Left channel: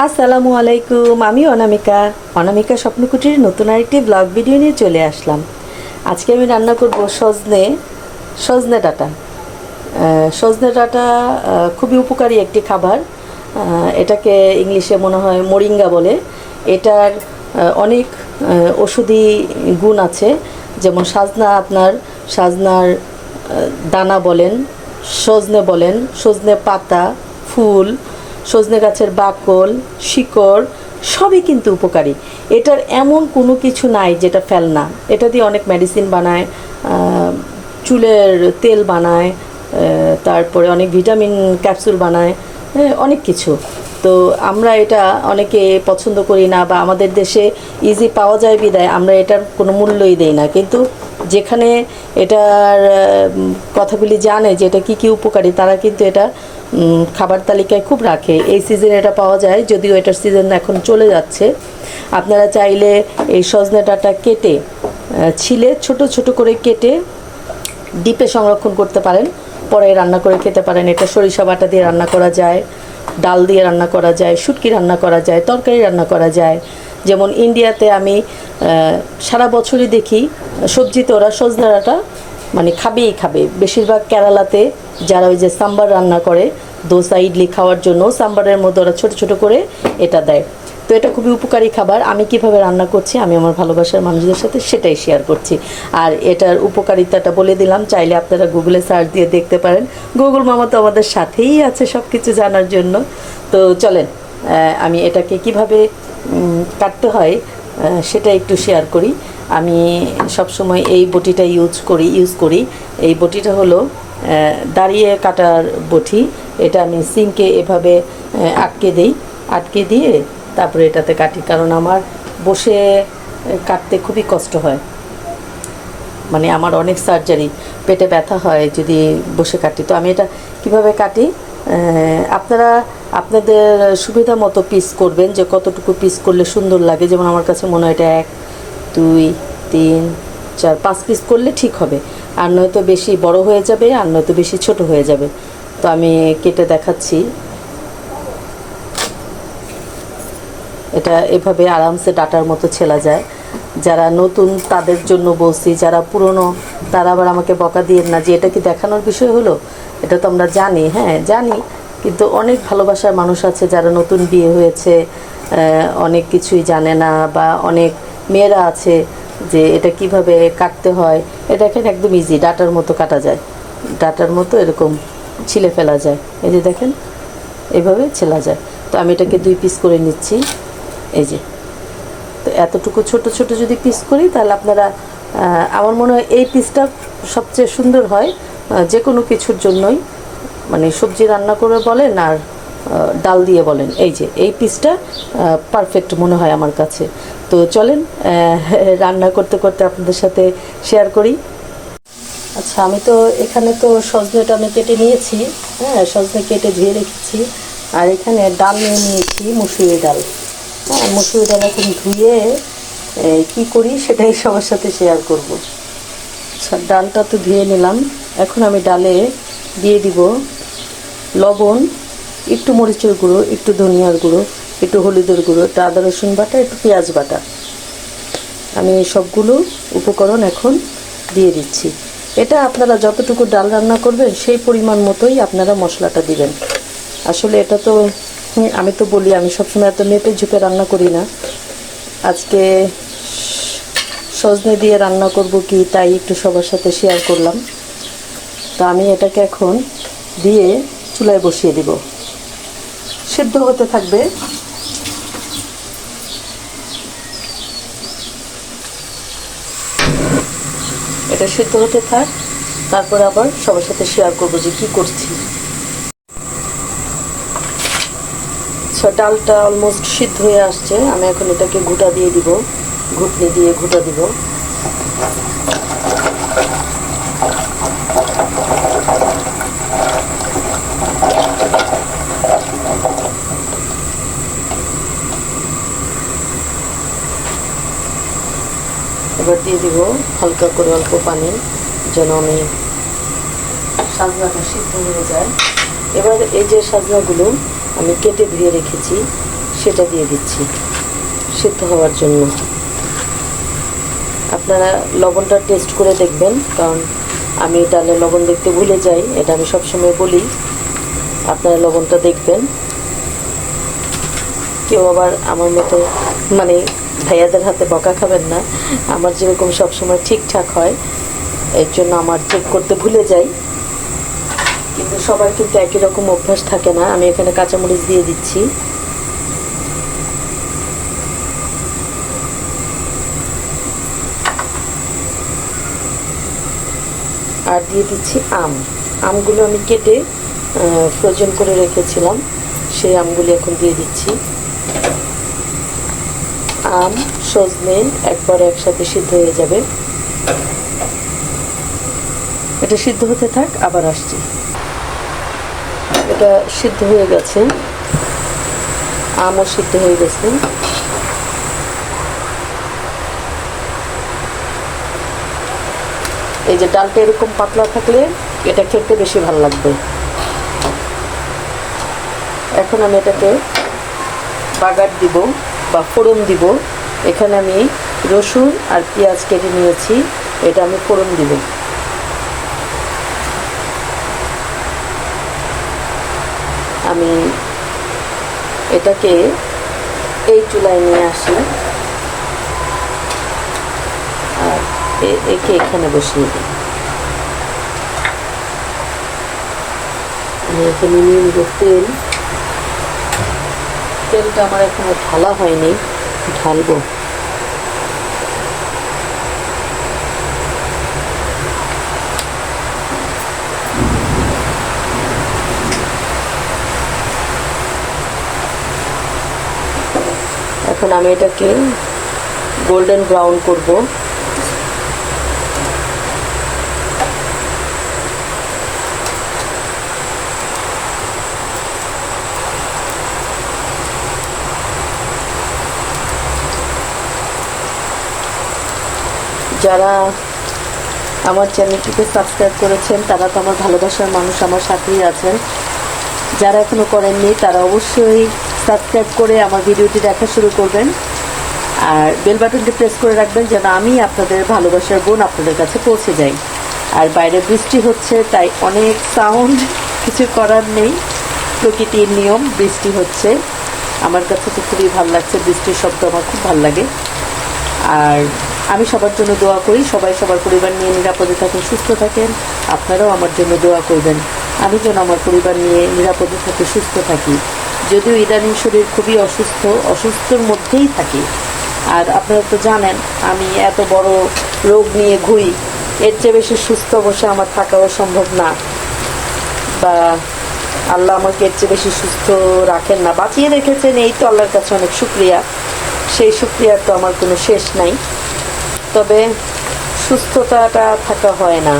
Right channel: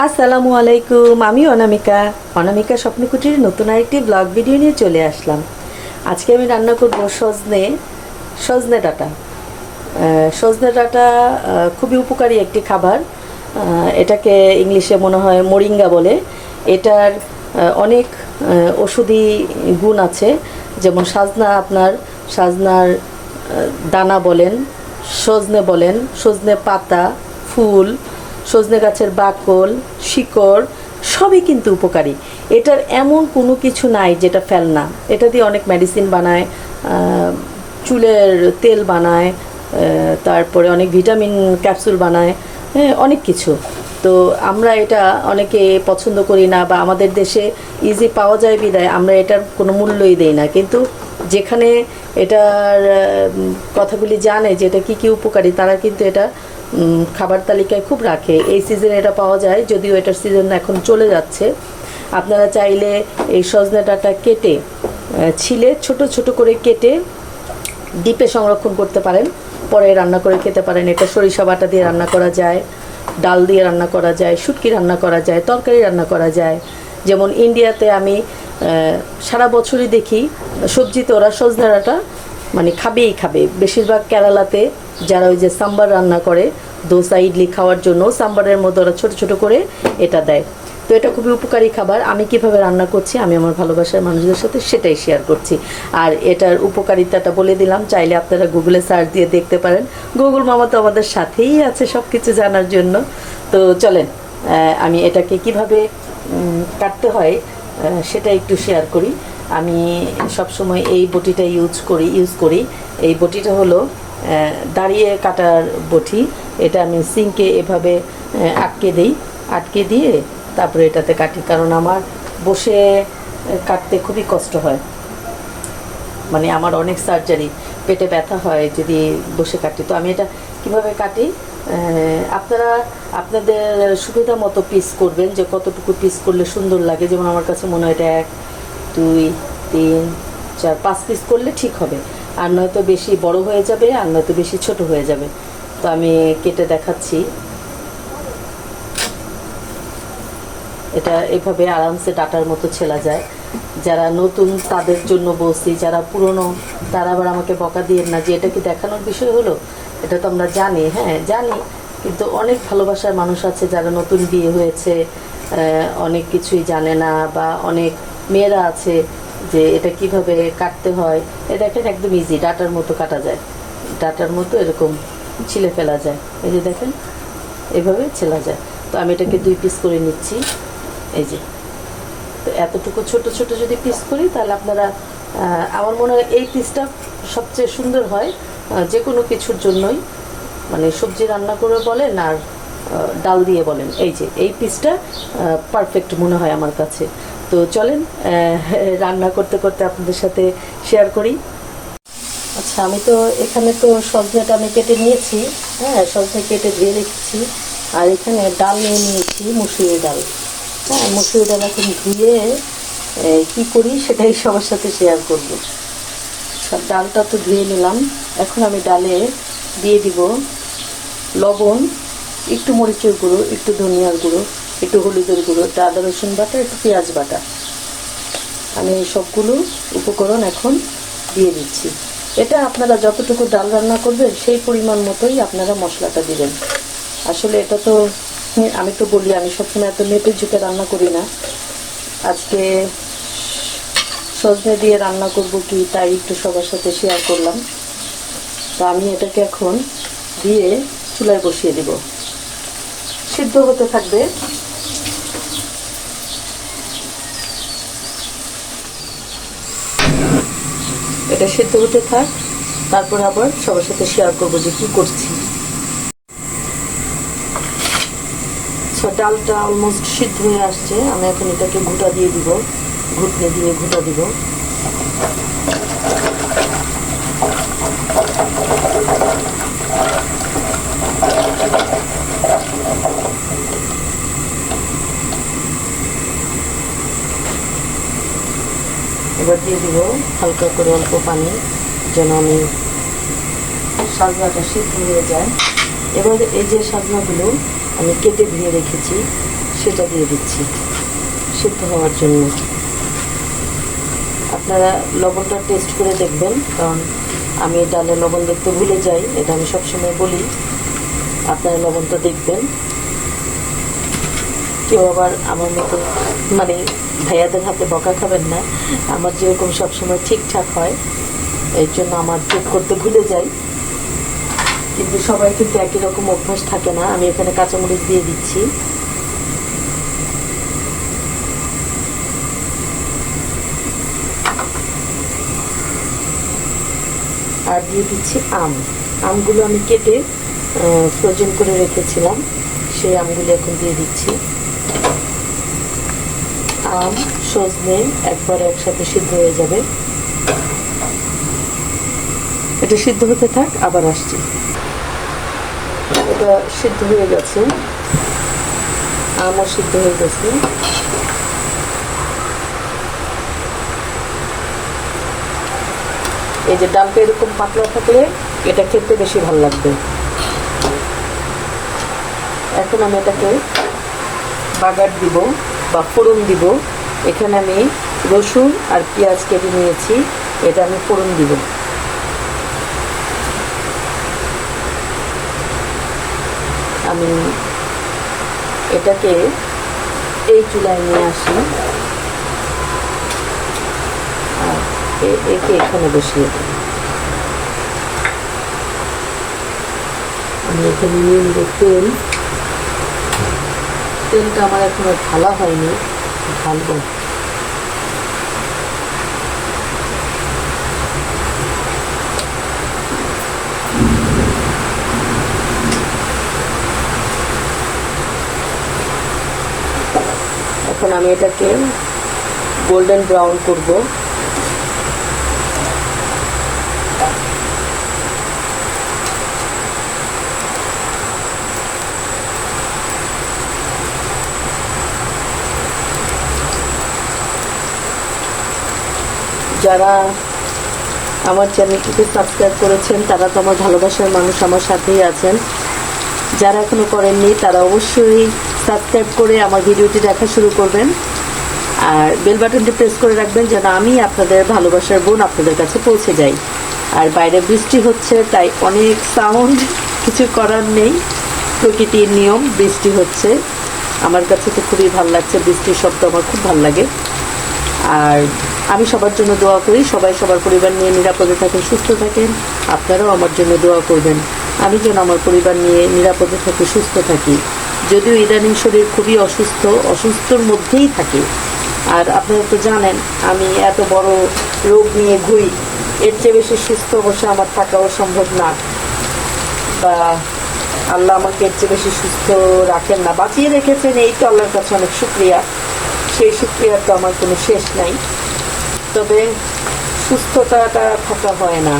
আসসালামু আলাইকুম। আমি অনামিকা। অনামিকা স্বপ্নকুটির নতুন আরেকটি ব্লগ ভিডিও নিয়ে চলে আসলাম। আজকে আমি রান্না করব সজনে ডাঁটা। সজনে ডাঁটা খুবই উপকারী একটি খাবার। এটাকে ইংলিশে মনে হয় মোরিঙ্গা বলে। এটার অনেক ওষুধি গুণ আছে। যেমন সাজনার দানা বলেন, সজনে বলেন, সজনে পাতা, ফুল, সজনে গাছের বাকল, শিকড় সবই কিন্তু উপকারী। এটার এমন কোনো কিছু নাই যেটা ফেলনা। এটা দিয়ে অনেক মেডিসিন বানায়, চুলের তেল বানায়, তারপরে অনেক ভিটামিন ক্যাপসুল বানায়, অনেক কিছু। তো আমরা এটা অনেকে পছন্দ করি না, বা আমাদের দেশে ইজি পাওয়া যায় বিদায় আমরা এটার কোনো মূল্যই দেই না। কিন্তু যেখানে এটার কথাগুলি জানে যে এটা কী কী উপকারী, তারা কিন্তু এটা খাবার তালিকায় খুব রাখে। এই সিজনে এটা পাওয়া যায়, যদিও এটার সিজন এখন চলে যাচ্ছে। আপনারা চাইলে এই সজনে ডাঁটা কেটে ছিলে ছোট ছোট করে কেটে ডিপে সংরক্ষণ করতে পারেন, পরে রান্না করে খেতে পারেন। এটা সরিষা বাটা দিয়ে রান্না করা যায়, ডাল দিয়ে রান্না করা যায়, শুটকি রান্না করা যায়, তরকারি রান্না করা যায়। যেমন ইন্ডিয়াতে আমি সারা বছরই দেখি সবজিতে ওরা সজনে ডাঁটা মানে খাবেই খাবে। বেশিরভাগ কেরালাতে যারা ওই যে সাম্বার রান্না করে দোসা ইডলি খাওয়ার জন্য, সাম্বারের মধ্যে ওরা ছোটো ছোটো করে এটা দেয়। তো এটা খুবই উপকারী খাবার। আমি কিভাবে রান্না করছি আমি আমার ভালোবাসার মানুষদের সাথে সেটাই শেয়ার করছি। আর এটার উপকারিতাটা বলে দিলাম, চাইলে আপনারা গুগলে সার্চ দিয়ে দেখতে পারেন। গুগল মামা তো আমাদের সাথেই আছে সব কিছু জানার জন্য। তো চলেন আমি এটাকে কিভাবে কাটতে হয় সেটা একটু শেয়ার করি। আমি সবসময় এই বটিটা ইউজ করি। এই বটিটা হলো দাঁড়িয়ে কাটার বটি। এটা আমি সিঙ্কে এভাবে আটকে দিয়ে তারপরে এটাতে কাটি, কারণ আমার বসে কাটতে খুবই কষ্ট হয়। মানে আমার অনেক সার্জারি, পেটে ব্যথা হয় যদি বসে কাটি। তো আমি এটা কিভাবে কাটি, আপনারা আপনাদের সুবিধা মতো পিস করবেন, যে কতটুকু পিস করলে সুন্দর লাগে। যেমন আমার কাছে মনে হয় এটা 1 2 3 4 5 পিস করলে ঠিক হবে। আর নয়তো বেশি বড় হয়ে যাবে, আর নয়তো বেশি ছোট হয়ে যাবে। তো আমি কেটে দেখাচ্ছি। এটা এভাবে আরামসে ডাটার মতো ছেলা যায়। যারা নতুন তাদের জন্য বলছি, যারা পুরনো তারা আবার আমাকে বকা দিয়েন না যে এটা কি দেখানোর বিষয় হলো। এটা তো আমরা জানি, হ্যাঁ জানি, কিন্তু অনেক ভালোবাসার মানুষ আছে যারা নতুন বিয়ে হয়েছে, অনেক কিছুই জানে না, বা অনেক মেয়েরা আছে যে এটা কিভাবে কাটতে হয়। এটা দেখেন একদম ইজি, ডাটার মতো কাটা যায়, ডাটার মতো এরকম ছিলে ফেলা যায়। এই যে দেখেন এভাবে ছেলা যায়। তো আমি এটাকে 2 পিস করে নিচ্ছি। এই যে, তো এতটুকু ছোট ছোট যদি পিস করি তাহলে আপনারা, আমার মনে হয় এই পিসটা সবচেয়ে সুন্দর হয় যে কোনো কিছুর জন্যই। মানে সবজি রান্না করে বলেন আর ডাল দিয়ে বলেন, এই যে এই পিসটা পারফেক্ট মনে হয় আমার কাছে। তো চলেন রান্না করতে করতে আপনাদের সাথে শেয়ার করি। আচ্ছা, আমি তো এখানে তো সজনেটা আমি কেটে নিয়েছি। হ্যাঁ, সজনে কেটে ধুয়ে রেখেছি। আর এখানে ডাল নিয়ে নিয়েছি, মুসুরি ডাল। হ্যাঁ, মুসুরি ডাল এখন ধুয়ে কী করি সেটাই সবার সাথে শেয়ার করব। আচ্ছা, ডালটা তো ধুয়ে নিলাম। এখন আমি ডালে দিয়ে দিব লবণ, একটু মরিচের গুঁড়ো, একটু ধনিয়ার গুঁড়ো, একটু হলুদের গুঁড়ো, একটু আদা রসুন বাটা, একটু পেঁয়াজ বাটা। আমি সবগুলো উপকরণ এখন দিয়ে দিচ্ছি। এটা আপনারা যতটুকু ডাল রান্না করবেন সেই পরিমাণ মতোই আপনারা মশলাটা দিবেন। আসলে এটা তো আমি তো বলি আমি সবসময় এত মেপে ঝুঁকে রান্না করি না। আজকে সজনে দিয়ে রান্না করব কি তাই একটু সবার সাথে শেয়ার করলাম। তো আমি এটাকে এখন দিয়ে চুলায় বসিয়ে দিব, সিদ্ধ হতে থাকবে। এটা সিদ্ধ হতে থাক, তারপর আবার সবার সাথে শেয়ার করবো যে কি করছি। আচ্ছা, ডালটা অলমোস্ট সিদ্ধ হয়ে আসছে। আমি এখন এটাকে ঘুটা দিয়ে দিব, ঘুটনি দিয়ে ঘুটা দিব। এবার দিয়ে দিব হালকা করে অল্প পানি, যেন আমি সাজনাটা সিদ্ধ হয়ে যায়। এবার এই যে সাজনাগুলো আমি কেটে ধুয়ে রেখেছি, সেটা দিয়ে দিচ্ছি সিদ্ধ হওয়ার জন্য। আপনারা লবণটা টেস্ট করে দেখবেন, কারণ আমি ডালে লবণ দেখতে ভুলে যাই, এটা আমি সবসময় বলি। আপনারা লবণটা দেখবেন। কেউ আবার আমার মতো মানে ভাইয়াদের হাতে বকা খাবেন না। আমার যেরকম সবসময় ঠিকঠাক হয়, এর জন্য আমার চেক করতে ভুলে যাই, কিন্তু সবার কিন্তু একই রকম অভ্যাস থাকে না। আমি এখানে কাঁচামরিচ দিয়ে দিচ্ছি। আর দিয়ে দিচ্ছি আমগুলো আমি কেটে ফ্রোজেন করে রেখেছিলাম, সেই আমগুলো এখন দিয়ে দিচ্ছি। আম সজনে একবার একসাথে সিদ্ধ হয়ে যাবে। এটা সিদ্ধ হতে থাক, আবার আসছি। এটা সিদ্ধ হয়ে গেছে, আমও সিদ্ধ হয়ে গেছে। এই যে ডালটা এরকম পাতলা থাকলে এটা খেতে বেশি ভালো লাগবে। এখন আমি এটাকে বাগার দিব বা ফোড়ন দিব। এখানে আমি রসুন আর পেঁয়াজ কেটে নিয়েছি, এটা আমি ফোড়ন দিব। আমি এটাকে এই চুলায় নিয়ে আসি, একে এখানে বসিয়ে দিই। আমি এখানে নিয়ে নেব তেল। তেলটা আমার এখনো ঢালা হয়নি, ঢালবো। এখন আমি এটাকে গোল্ডেন ব্রাউন করব। যারা আমার চ্যানেলটিকে সাবস্ক্রাইব করেছেন তারা তো আমার ভালোবাসার মানুষ, আমার সাথেই আছেন। যারা এখনো করেননি তারা অবশ্যই সাবস্ক্রাইব করে আমার ভিডিওটি দেখা শুরু করবেন, আর বেল বাটনটি প্রেস করে রাখবেন যেন আমি আপনাদের ভালোবাসার বোন আপনাদের কাছে পৌঁছে যাই। আর বাইরে বৃষ্টি হচ্ছে, তাই অনেক সাউন্ড, কিছু করার নেই, প্রকৃতির নিয়ম। বৃষ্টি হচ্ছে, আমার কাছে তো খুবই ভালো লাগছে, বৃষ্টির শব্দ আমার খুব ভালো লাগে। আর আমি সবার জন্য দোয়া করি, সবাই সবার পরিবার নিয়ে নিরাপদে থাকেন, সুস্থ থাকেন। আপনারাও আমার জন্য দোয়া করবেন, আমি যেন আমার পরিবার নিয়ে নিরাপদে থাকি, সুস্থ থাকি। যদিও ইদানিং শরীর খুবই অসুস্থর মধ্যেই থাকি। আর আপনারা তো জানেন আমি এত বড় রোগ নিয়ে ঘুরি, এর চেয়ে বেশি সুস্থ অবশ্যই আমার থাকাও সম্ভব না, বা আল্লাহ আমাকে এর চেয়ে বেশি সুস্থ রাখেন না, বাঁচিয়ে রেখেছেন, এই তো আল্লাহর কাছে অনেক শুকরিয়া। সেই শুকরিয়ার তো আমার কোনো শেষ নাই। তবে সুস্থতাটা থাকা হয় না,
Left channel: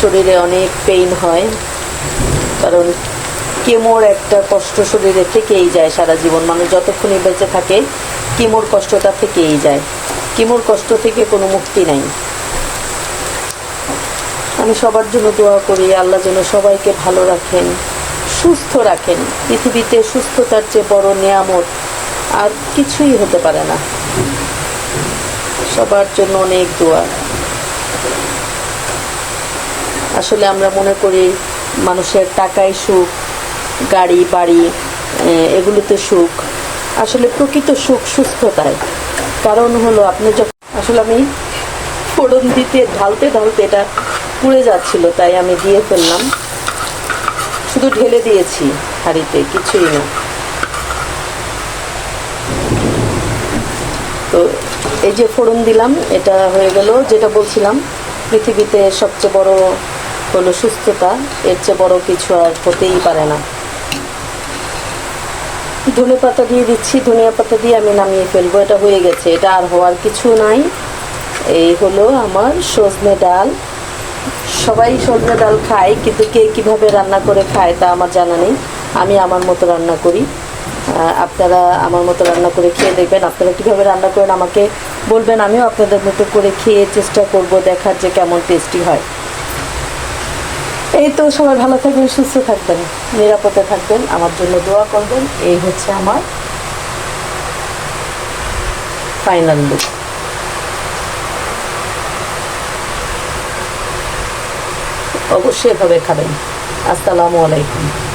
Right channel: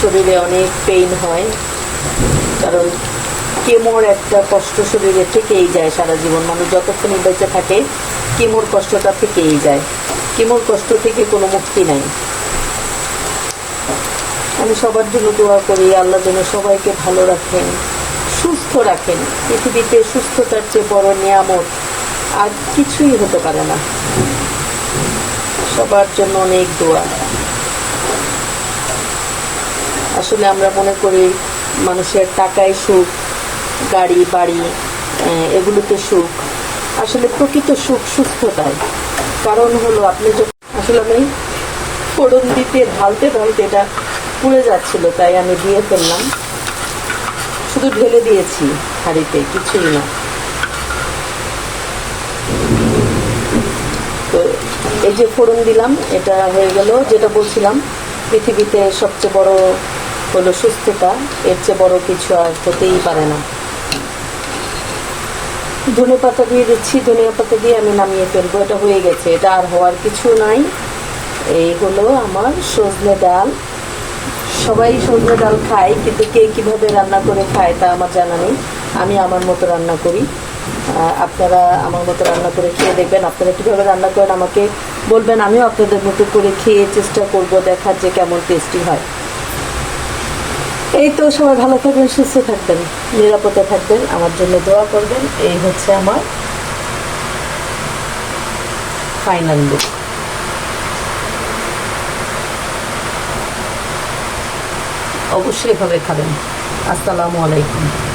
শরীরে অনেক পেইন হয়, কারণ কেমোর একটা কষ্ট শরীরে থেকেই যায় সারা জীবন। মানুষ যতক্ষণই বেঁচে থাকে কেমোর কষ্টটা থেকেই যায়, কেমোর কষ্ট থেকে কোনো মুক্তি নাই। আমি সবার জন্য দোয়া করি, আল্লাহ যেন সবাইকে ভালো রাখেন, সুস্থ রাখেন। পৃথিবীতে সুস্থতার চেয়ে বড় নিয়ামত আর কিছুই হতে পারে না। সবার জন্য অনেক দোয়া। আসলে আমরা মনে করি মানুষের টাকায় সুখ, গাড়ি বাড়ি, এগুলোতে সুখ। আসলে প্রকৃত সুখ সুস্থতায়। কারণ হলো আপনি যখন, আসলে আমি ফোড়ন দিতে ঢালতে ঢালতে এটা পুড়ে যাচ্ছিল, তাই আমি দিয়ে ফেললাম, শুধু ঢেলে দিয়েছি হাঁড়িতে, কিছুই না। তো এই যে ফোড়ন দিলাম, এটা হয়ে গেল। যেটা বলছিলাম, পৃথিবীতে সবচেয়ে বড় হলো সুস্থতা, এর চেয়ে বড় কিছু আর হতেই পারে না। ধনে পাতা দিয়ে দিচ্ছি, ধনিয়া পাতা দিয়ে আমি নামিয়ে ফেলবো। এটা হয়ে গেছে, এটা আর হওয়ার কিছু নাই। এই হলো আমার সজনে ডাল। সবাই সজনে ডাল খায়, কিন্তু কে কিভাবে রান্না করে খায় তা আমার জানা নেই। আমি আমার মতো রান্না করি, আপনারা আমার মতো রান্না করে খেয়ে দেখবেন। আপনারা কীভাবে রান্না করেন আমাকে বলবেন, আমিও আপনাদের মতো করে খেয়ে চেষ্টা করব, দেখার যে কেমন টেস্টি হয়। এই তো, সবাই ভালো থাকবেন, সুস্থ থাকবেন, নিরাপদে থাকবেন, আমার জন্য দোয়া করবেন। এই হচ্ছে আমার ফাইনাল লুক। অবশ্যই এভাবে খাবেন। আসসালামু আলাইকুম।